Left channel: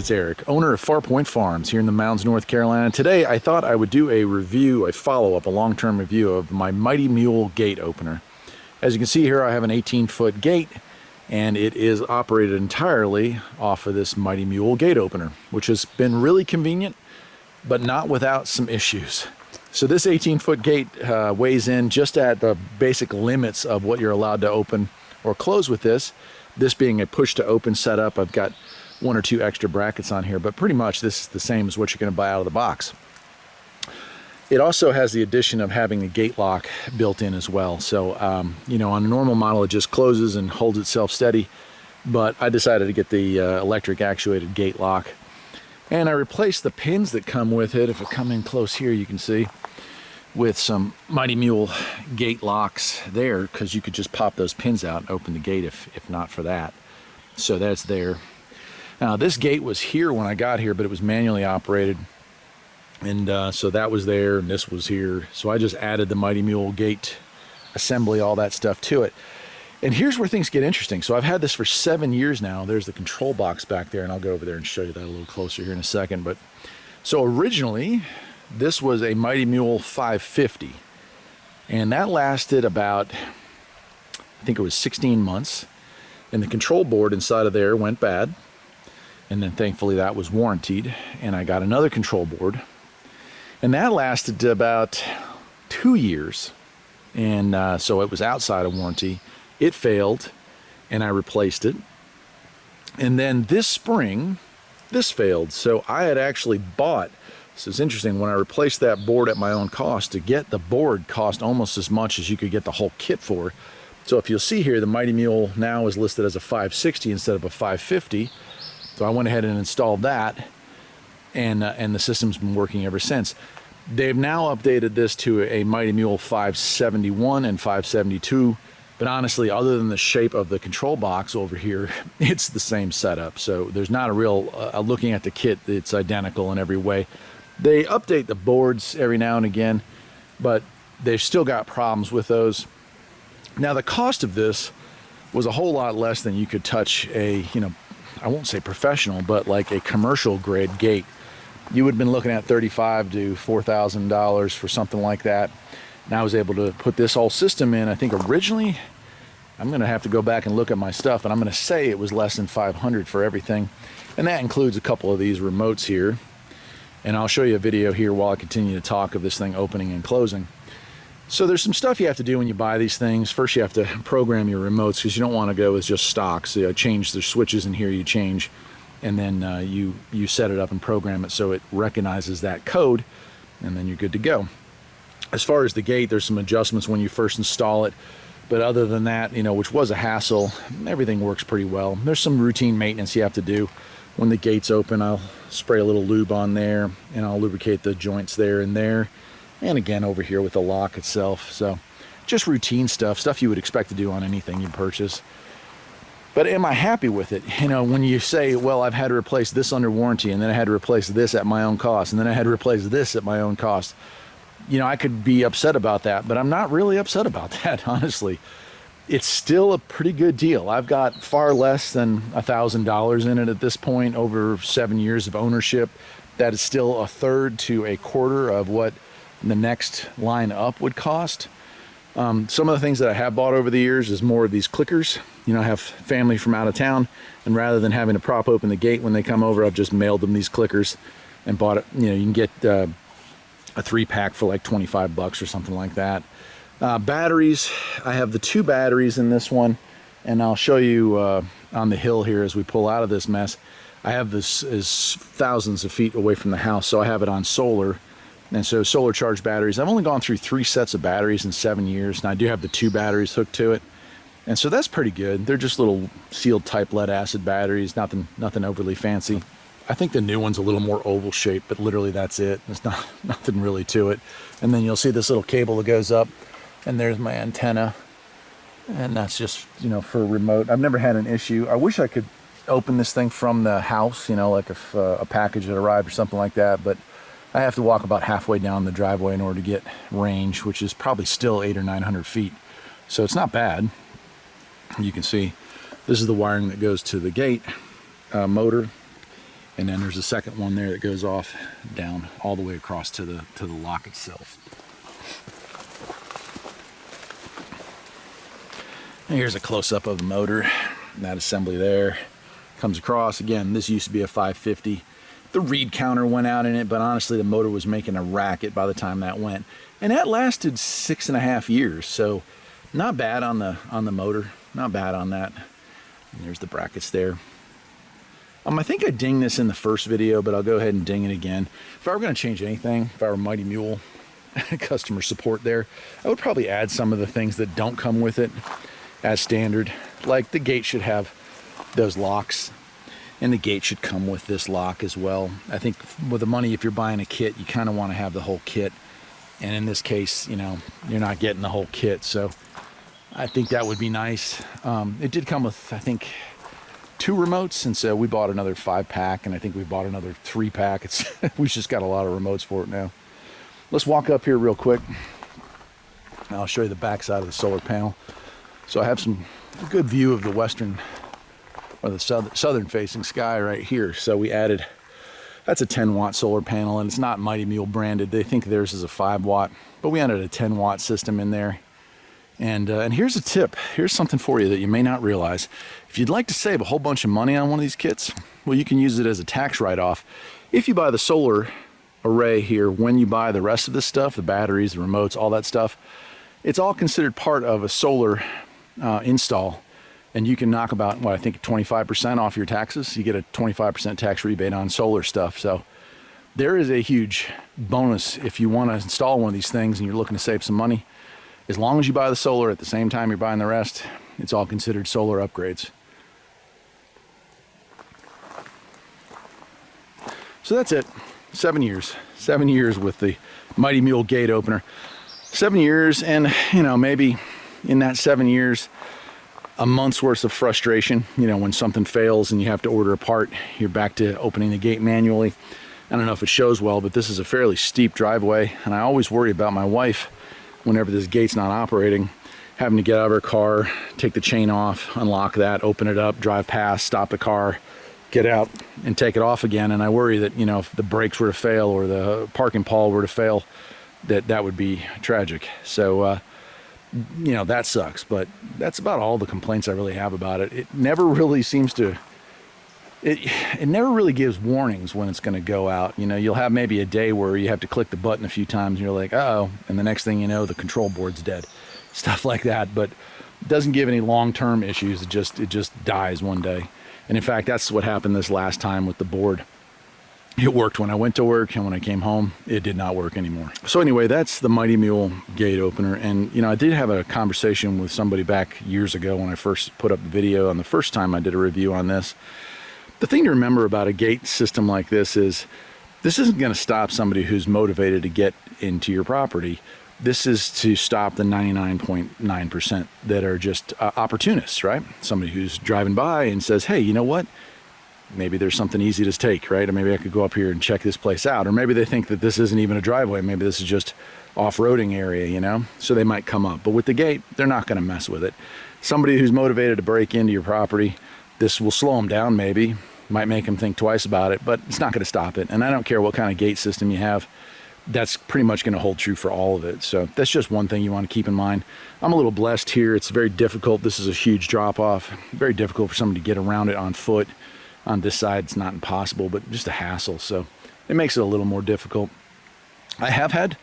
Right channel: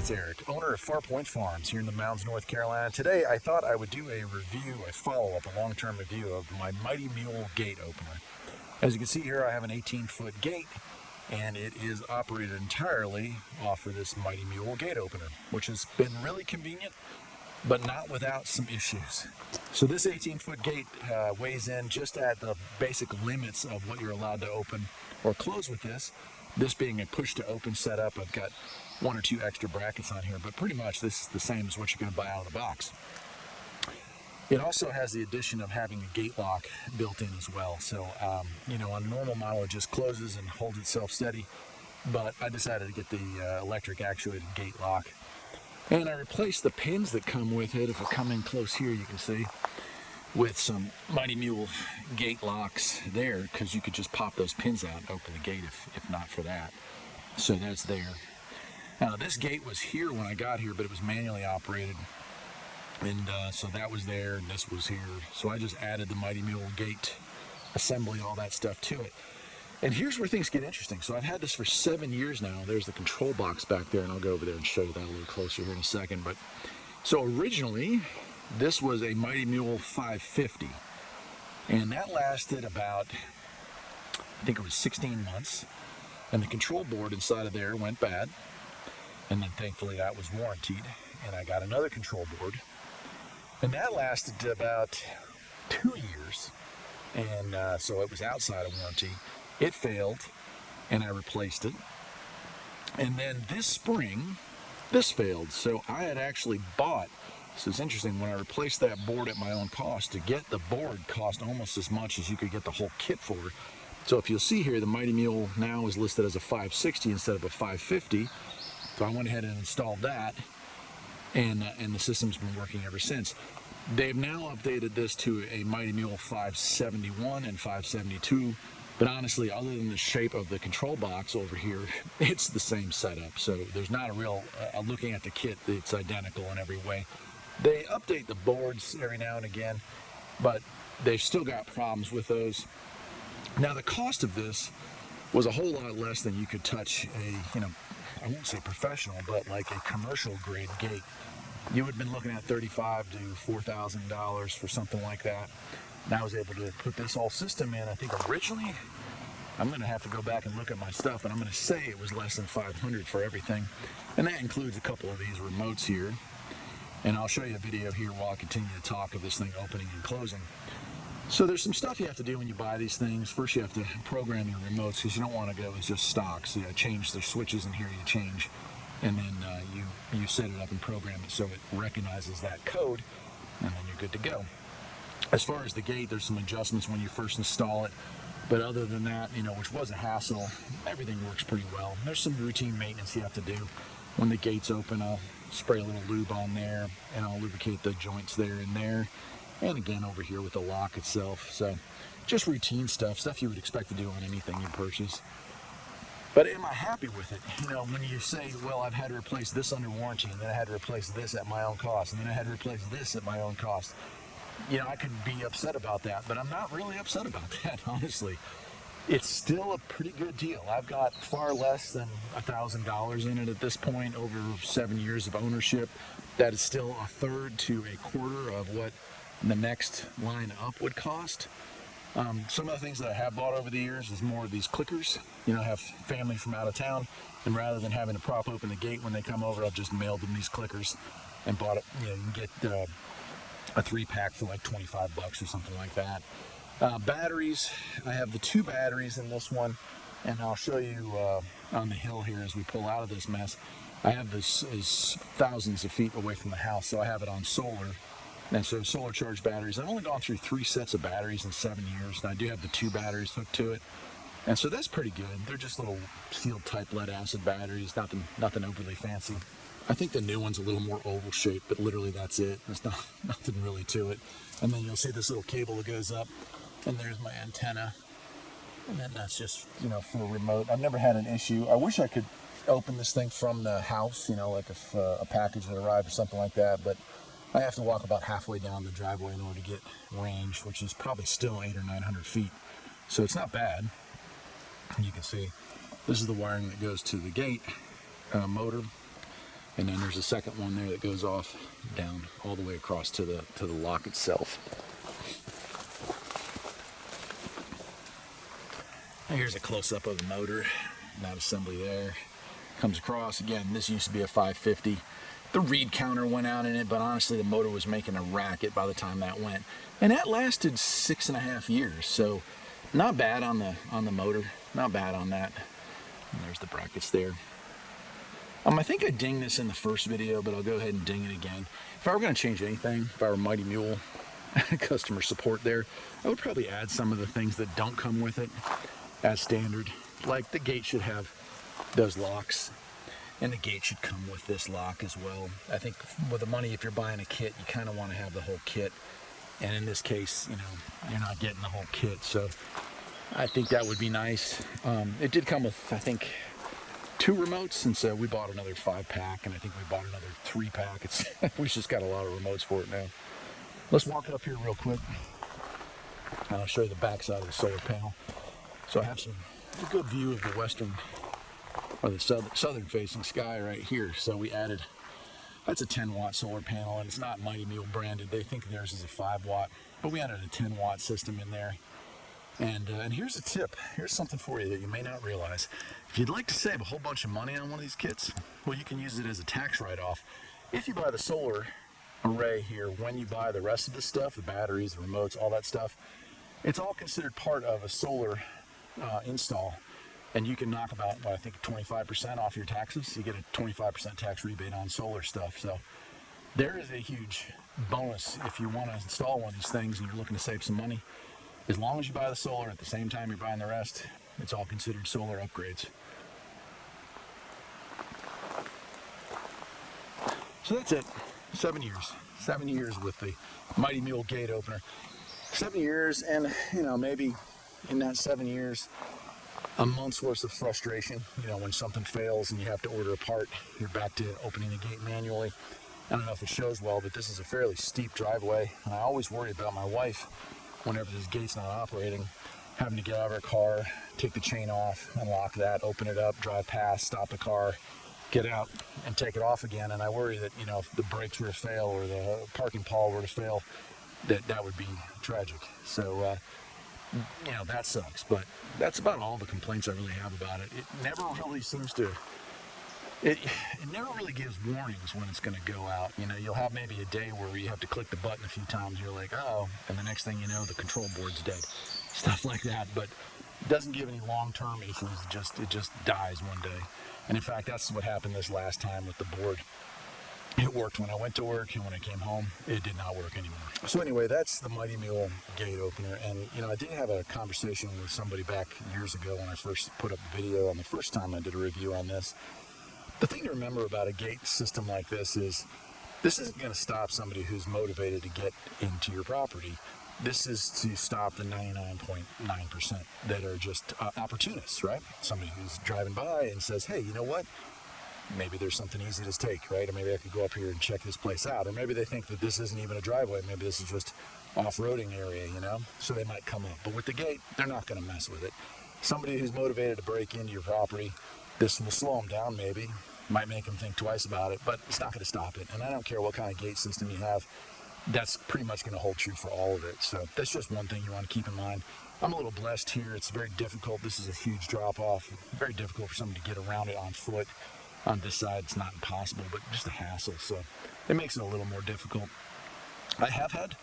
it's Eric, owner of Farpoint Farms here in the mountains, North Carolina. Today I thought I would do a review, a follow-up, a long-term review of my Mighty Mule gate opener. As you can see here, I have an 18-foot gate, and it is operated entirely off of this Mighty Mule gate opener, which has been really convenient, but not without some issues. So this 18-foot gate weighs in just at the basic limits of what you're allowed to open or close with this. This being a push-to-open setup, I've got one or two extra brackets on here, but pretty much this is the same as what you're going to buy out of the box. It also has the addition of having a gate lock built in as well. So, you know, on a normal model, it just closes and holds itself steady, but I decided to get the electric actuated gate lock. And I replaced the pins that come with it. If I come in close here, you can see, with some Mighty Mule gate locks there, because you could just pop those pins out and open the gate if not for that. So that's there. Now this gate was here when I got here, but it was manually operated, and so that was there and this was here. So I just added the Mighty Mule gate assembly, all that stuff to it. And here's where things get interesting. So I've had this for 7 years now. There's the control box back there, and I'll go over there and show you that a little closer here in a second. But so originally this was a Mighty Mule 550, and that lasted about, I think it was 16 months, and the control board inside of there went bad, and then thankfully that was warranted, and I got another control board, and that lasted about 2 years, and so it was outside of warranty. It failed, and I replaced it, and then this spring this failed. So I had actually bought, so it's interesting, when I replaced that board at my own cost, to get the board cost almost as much as you could get the whole kit for. So if you'll see here, the Mighty Mule now is listed as a 560 instead of a 550. So I went ahead and installed that, and the system's been working ever since. They've now updated this to a Mighty Mule 571 and 572, but honestly, other than the shape of the control box over here, it's the same setup. So there's not a real, looking at the kit, it's identical in every way. They update the boards every now and again, but they've still got problems with those. Now the cost of this was a whole lot less than you could touch a, you know, I won't say professional, but like a commercial grade gate. You would have been looking at $3,500 to $4,000 for something like that. And I was able to put this whole system in. I think originally, I'm going to have to go back and look at my stuff, and I'm going to say it was less than $500 for everything. And that includes a couple of these remotes here. And I'll show you a video here while I continue to talk of this thing opening and closing. So there's some stuff you have to do when you buy these things. First, you have to program your remotes, because you don't want to go with just stock. So you change the switches in here, you change, and then you set it up and program it so it recognizes that code, and then you're good to go. As far as the gate, there's some adjustments when you first install it, but other than that, you know, which was a hassle, everything works pretty well. There's some routine maintenance you have to do. When the gate's open, I'll spray a little lube on there, and I'll lubricate the joints there and there, and again over here with the lock itself. So just routine stuff you would expect to do on anything you purchase. But am I happy with it? You know, when you say, well, I've had to replace this under warranty, and then I had to replace this at my own cost, and then I had to replace this at my own cost, you know, I could be upset about that, but I'm not really upset about that, honestly. It's still a pretty good deal. I've got far less than $1,000 in it at this point, over 7 years of ownership. That is still a third to a quarter of what the next line up would cost. Some of the things that I have bought over the years is more of these clickers. You know, I have family from out of town, and rather than having to prop open the gate when they come over, I've just mailed them these clickers and bought it. You know, you can get a 3-pack for like 25 bucks or something like that. Batteries, I have the 2 batteries in this one, and I'll show you on the hill here as we pull out of this mess. I have this is thousands of feet away from the house, so I have it on solar, and so solar charged batteries. I've only gone through 3 sets of batteries in 7 years, and I do have the 2 batteries hooked to it, and so that's pretty good. They're just little sealed type lead acid batteries, nothing overly fancy. I think the new one's a little more oval shaped, but literally that's it. There's nothing really to it. And then you'll see this little cable that goes up, and there's my antenna, and that's just, you know, for a remote. I've never had an issue. I wish I could open this thing from the house, you know, like if a package had arrived or something like that, but I have to walk about halfway down the driveway in order to get range, which is probably still 800 or 900 feet. So it's not bad. You can see this is the wiring that goes to the gate motor. And then there's a second one there that goes off down all the way across to the lock itself. And here's a close-up of the motor. That assembly there comes across. Again, this used to be a 550. The read counter went out in it, but honestly the motor was making a racket by the time that went. And that lasted 6.5 years, so not bad on the motor. Not bad on that. And there's the brackets there. I think I dinged this in the first video, but I'll go ahead and ding it again. If I were going to change anything, if I were Mighty Mule customer support there, I would probably add some of the things that don't come with it as standard. Like the gate should have those locks, and the gate should come with this lock as well. I think with the money, if you're buying a kit, you kind of want to have the whole kit. And in this case, you know, you're not getting the whole kit, so I think that would be nice. It did come with, I think, 2 remotes, and so we bought another 5-pack, and I think we bought another 3-pack. We've just got a lot of remotes for it now. Let's walk up here real quick. I'll show you the back side of the solar panel. So I have a good view of the western, or the southern facing sky right here. So we added, that's a 10-watt solar panel, and it's not Mighty Mule branded. They think theirs is a 5-watt, but we added a 10-watt system in there. And here's a tip. Here's something for you that you may not realize. If you'd like to save a whole bunch of money on one of these kits, well, you can use it as a tax write-off. If you buy the solar array here, when you buy the rest of this stuff, the batteries, the remotes, all that stuff, it's all considered part of a solar install. And you can knock about, what, I think 25% off your taxes. You get a 25% tax rebate on solar stuff. So there is a huge bonus if you want to install one of these things and you're looking to save some money. As long as you buy the solar at the same time you're buying the rest, it's all considered solar upgrades. So that's it. 7 years. 7 years with the Mighty Mule gate opener. 7 years, and you know, maybe in that 7 years, a month's worth of frustration. You know, when something fails and you have to order a part, you're back to opening the gate manually. I don't know if it shows well, but this is a fairly steep driveway, and I always worry about my wife whenever this gate's not operating, having to get out of her car, take the chain off, unlock that, open it up, drive past, stop the car, get out, and take it off again. And I worry that, you know, if the brakes were to fail or the parking pawl were to fail, that would be tragic. So, you know, that sucks. But that's about all the complaints I really have about it. It never really seems to... It never really gives warnings when it's going to go out. You know, you'll have maybe a day where you have to click the button a few times and you're like, uh-oh, and the next thing you know, the control board's dead. Stuff like that, but it doesn't give any long-term issues. It just dies one day. And in fact, that's what happened this last time with the board. It worked when I went to work, and when I came home, it did not work anymore. So anyway, that's the Mighty Mule gate opener. And, you know, I did have a conversation with somebody back years ago when I first put up the video on the first time I did a review on this. The thing to remember about a gate system like this is this isn't going to stop somebody who's motivated to get into your property. This is to stop the 99.9% that are just opportunists, right? Somebody who's driving by and says, hey, you know what? Maybe there's something easy to take, right? Or maybe I could go up here and check this place out. Or maybe they think that this isn't even a driveway. Maybe this is just off-roading area, you know? So they might come up. But with the gate, they're not going to mess with it. Somebody who's motivated to break into your property, this will slow them down maybe. Might make them think twice about it, but it's not going to stop it. And I don't care what kind of gate system you have. That's pretty much going to hold true for all of it. So that's just one thing you want to keep in mind. I'm a little blessed here. It's very difficult. This is a huge drop-off. Very difficult for somebody to get around it on foot. On this side, it's not impossible, but just a hassle. So it makes it a little more difficult. I have had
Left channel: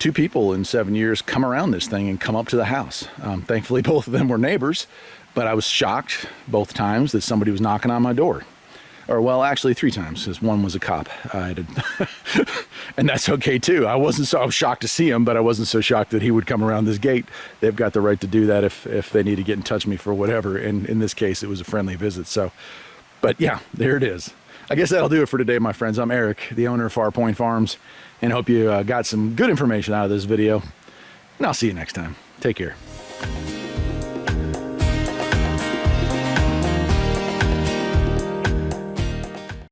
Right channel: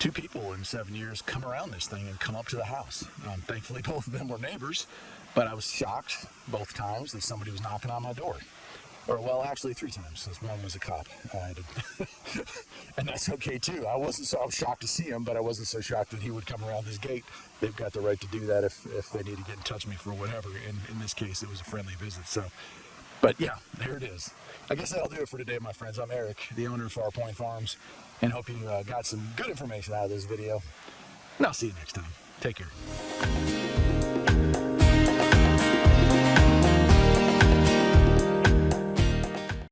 2 people in 7 years come around this thing and come up to the house. Thankfully, both of them were neighbors, but I was shocked both times that somebody was knocking on my door. Or, well, actually 3 times, because one was a cop. And that's okay, too. I was shocked to see him, but I wasn't so shocked that he would come around this gate. They've got the right to do that if they need to get in touch with me for whatever. And in this case, it was a friendly visit. So, but yeah, there it is. I guess that'll do it for today, my friends. I'm Eric, the owner of Farpoint Farms, and hope you got some good information out of this video. And I'll see you next time. Take care.